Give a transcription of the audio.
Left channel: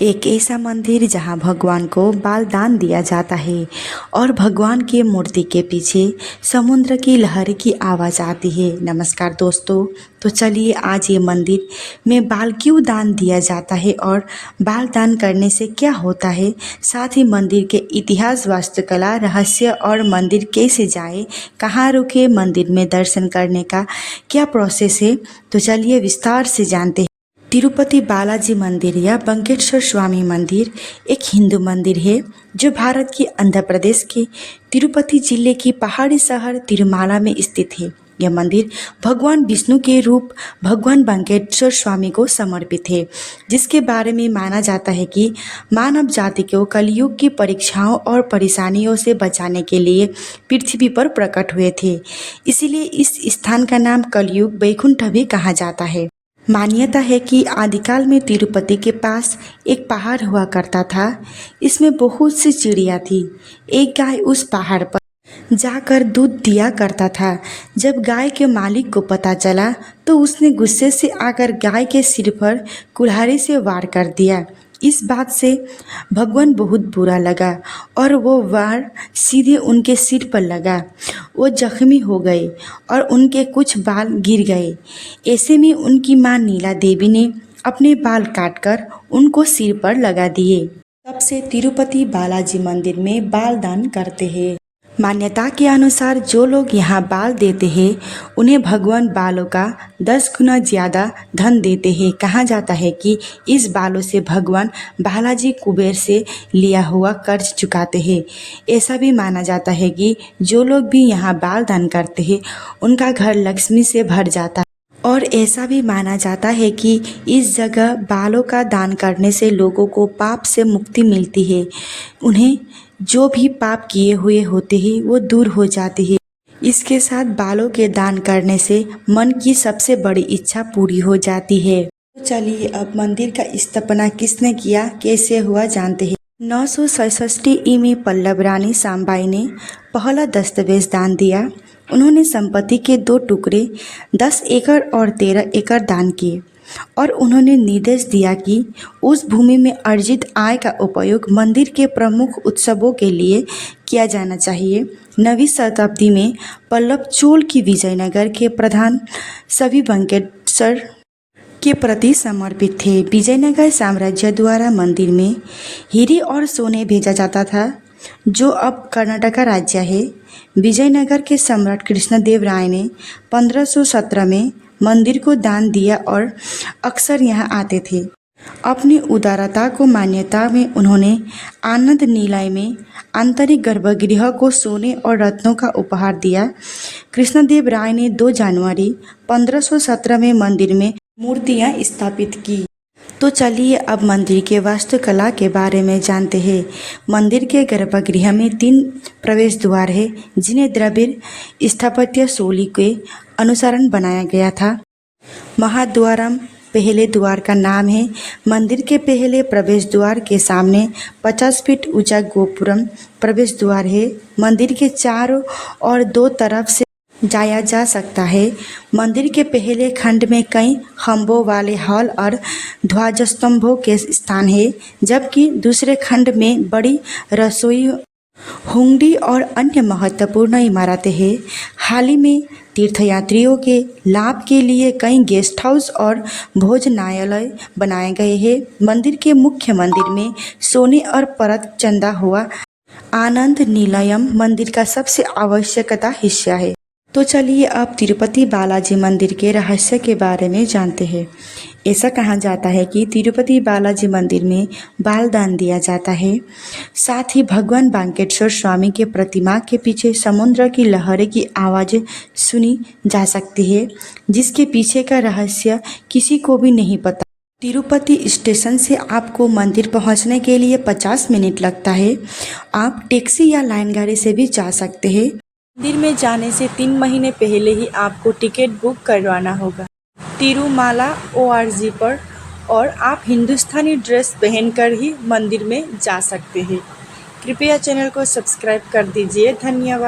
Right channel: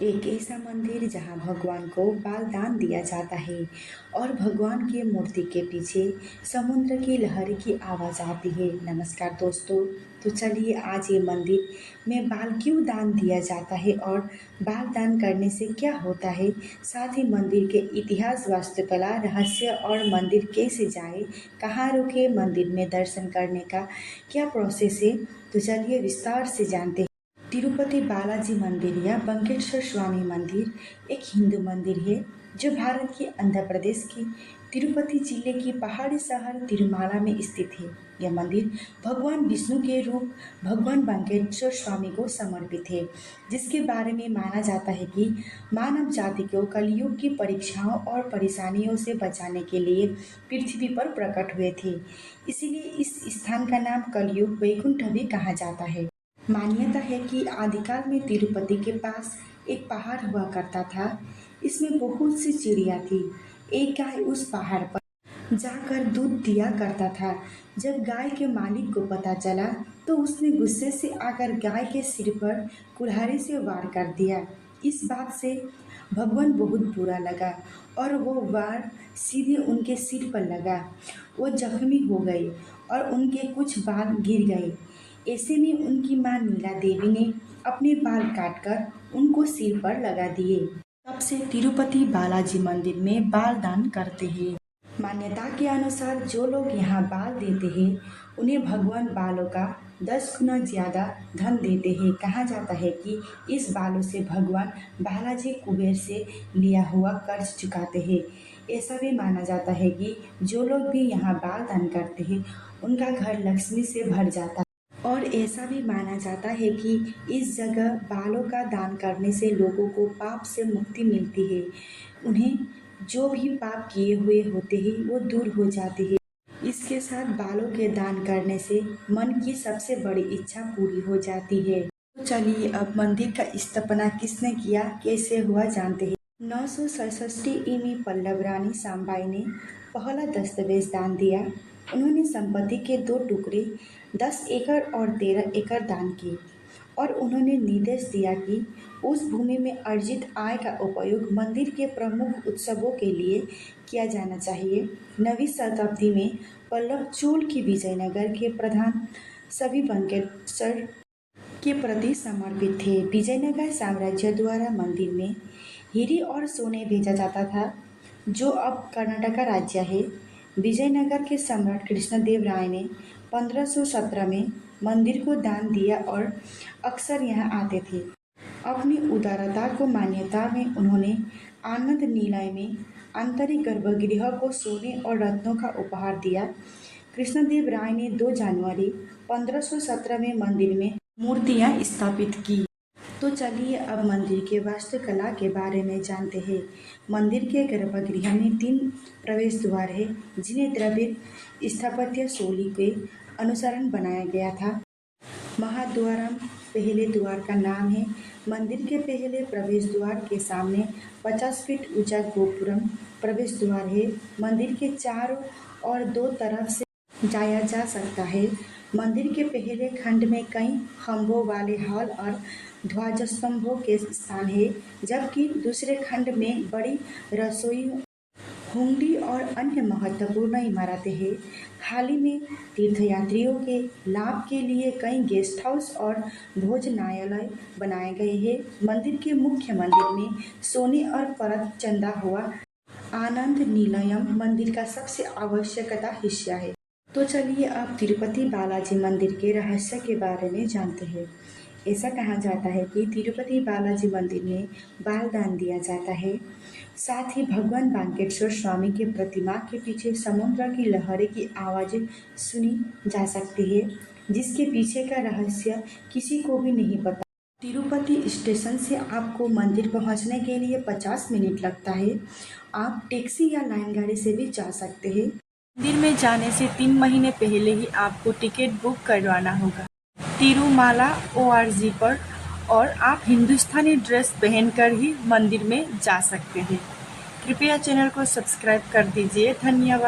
एक ऐसा मंदिर जहां भगवान को बाल दान दिया जाता है और भगवान की मूर्ति के पीछे समुद्र की लहर की आवाज़ आती है। नमस्कार दोस्तों, तो चलिए आज ये मंदिर में बाल क्यों दान दिया जाता है और बाल दान करने से क्या होता है, साथ ही मंदिर के इतिहास, वास्तुकला, रहस्य और मंदिर कैसे जाए, कहाँ रुके, मंदिर में दर्शन करने का क्या प्रोसेस है, तो चलिए विस्तार से जानते हैं। तिरुपति बालाजी मंदिर या वेंकटेश्वर स्वामी मंदिर एक हिंदू मंदिर है जो भारत के आंध्र प्रदेश के तिरुपति जिले की पहाड़ी शहर तिरुमाला में स्थित है। यह मंदिर भगवान विष्णु के रूप भगवान वेंकटेश्वर स्वामी को समर्पित है, जिसके बारे में माना जाता है कि मानव जाति को कलयुग की परीक्षाओं और परेशानियों से बचाने के लिए पृथ्वी पर प्रकट हुए थे। इसीलिए इस स्थान का नाम कलयुग वैकुंठ भी कहा जाता है। मान्यता है कि आदिकाल में तिरुपति के पास एक पहाड़ हुआ करता था। इसमें बहुत सी चिड़िया थी। एक गाय उस पहाड़ पर जाकर दूध दिया करता था। जब गाय के मालिक को पता चला तो उसने गुस्से से आकर गाय के सिर पर कुल्हाड़ी से वार कर दिया। इस बात से भगवान बहुत बुरा लगा और वो वार सीधे उनके सिर पर लगा। वो जख्मी हो गए और उनके कुछ बाल गिर गए। ऐसे में उनकी मां नीला देवी ने अपने बाल काटकर उनको सिर पर लगा दिए। तब से तिरुपति बालाजी मंदिर में बाल दान करते हैं। मान्यता के अनुसार जो लोग यहाँ बाल देते हैं उन्हें भगवान बालों का 10 गुना ज़्यादा धन देते हैं। कहा जाता है कि इस बालों से भगवान बालाजी कुबेर से लिया हुआ कर्ज चुकाते हैं। ऐसा भी माना जाता है कि जो लोग भी यहाँ बाल दान करते हैं उनका घर लक्ष्मी से भर जाता है। और ऐसा भी माना जाता है कि इस जगह बालों का दान करने से लोगों को पाप से मुक्ति मिलती है। उन्हें जो भी पाप किए हुए होते हैं वो दूर हो जाते हैं। इसके साथ बालों के दान करने से मन की सबसे बड़ी इच्छा पूरी हो जाती है। तो चलिए अब मंदिर का स्थापना किसने किया, कैसे हुआ, जानते हैं। 966 में पल्लव रानी साम्बाई ने पहला दस्तावेज दान दिया। उन्होंने संपत्ति के 2 टुकड़े 10 एकड़ और 13 एकड़ दान किए और उन्होंने निर्देश दिया कि उस भूमि में अर्जित आय का उपयोग मंदिर के प्रमुख उत्सवों के लिए किया जाना चाहिए। 9वीं शताब्दी में पल्लव चोल की विजयनगर के प्रधान सभी वेंकटेश्वर के प्रति समर्पित थे। विजयनगर साम्राज्य द्वारा मंदिर में हीरे और सोने भेजा जाता था, जो अब कर्नाटक राज्य है। विजयनगर के सम्राट कृष्णदेव राय ने 1517 में मंदिर को दान दिया और अक्सर यहाँ आते थे। अपनी उदारता को मान्यता में उन्होंने आनंद निलय में आंतरिक गर्भगृह को सोने और रत्नों का उपहार दिया। कृष्णदेव राय ने 2 जनवरी 1517 में मंदिर में मूर्तियाँ स्थापित की। तो चलिए अब मंदिर के वास्तुकला के बारे में जानते हैं। मंदिर के गर्भगृह में 3 प्रवेश द्वार है, जिन्हें द्रविड़ स्थापत्य शैली के अनुसार बनाया गया था। महाद्वारम पहले द्वार का नाम है। मंदिर के पहले प्रवेश द्वार के सामने 50 फीट ऊंचा गोपुरम प्रवेश द्वार है। मंदिर के चारों और 2 तरफ से जाया जा सकता है। मंदिर के पहले खंड में कई खंभों वाले हॉल और ध्वजस्तंभों के स्थान है, जबकि दूसरे खंड में बड़ी रसोई, हुंडी और अन्य महत्वपूर्ण इमारतें हैं। हाल ही में तीर्थयात्रियों के लाभ के लिए कई गेस्ट हाउस और भोजनालय बनाए गए हैं। मंदिर के मुख्य मंदिर में सोने और परत चंदा हुआ आनंद निलयम मंदिर का सबसे आवश्यकता हिस्सा है। तो चलिए अब तिरुपति बालाजी मंदिर के रहस्य के बारे में जानते हैं। ऐसा कहा जाता है कि तिरुपति बालाजी मंदिर में बाल दान दिया जाता है। साथ ही भगवान वेंकटेश्वर स्वामी के प्रतिमा के पीछे समुद्र की लहरें की आवाज़ें सुनी जा सकती है, जिसके पीछे का रहस्य किसी को भी नहीं पता। तिरुपति स्टेशन से आपको मंदिर पहुंचने के लिए 50 मिनट लगता है। आप टैक्सी या लाइन गाड़ी से भी जा सकते हैं। मंदिर में जाने से 3 महीने पहले ही आपको टिकट बुक करवाना होगा तिरुमाला ORG पर, और आप हिंदुस्तानी ड्रेस पहनकर ही मंदिर में जा सकते हैं। कृपया चैनल को सब्सक्राइब कर दीजिए। धन्यवाद।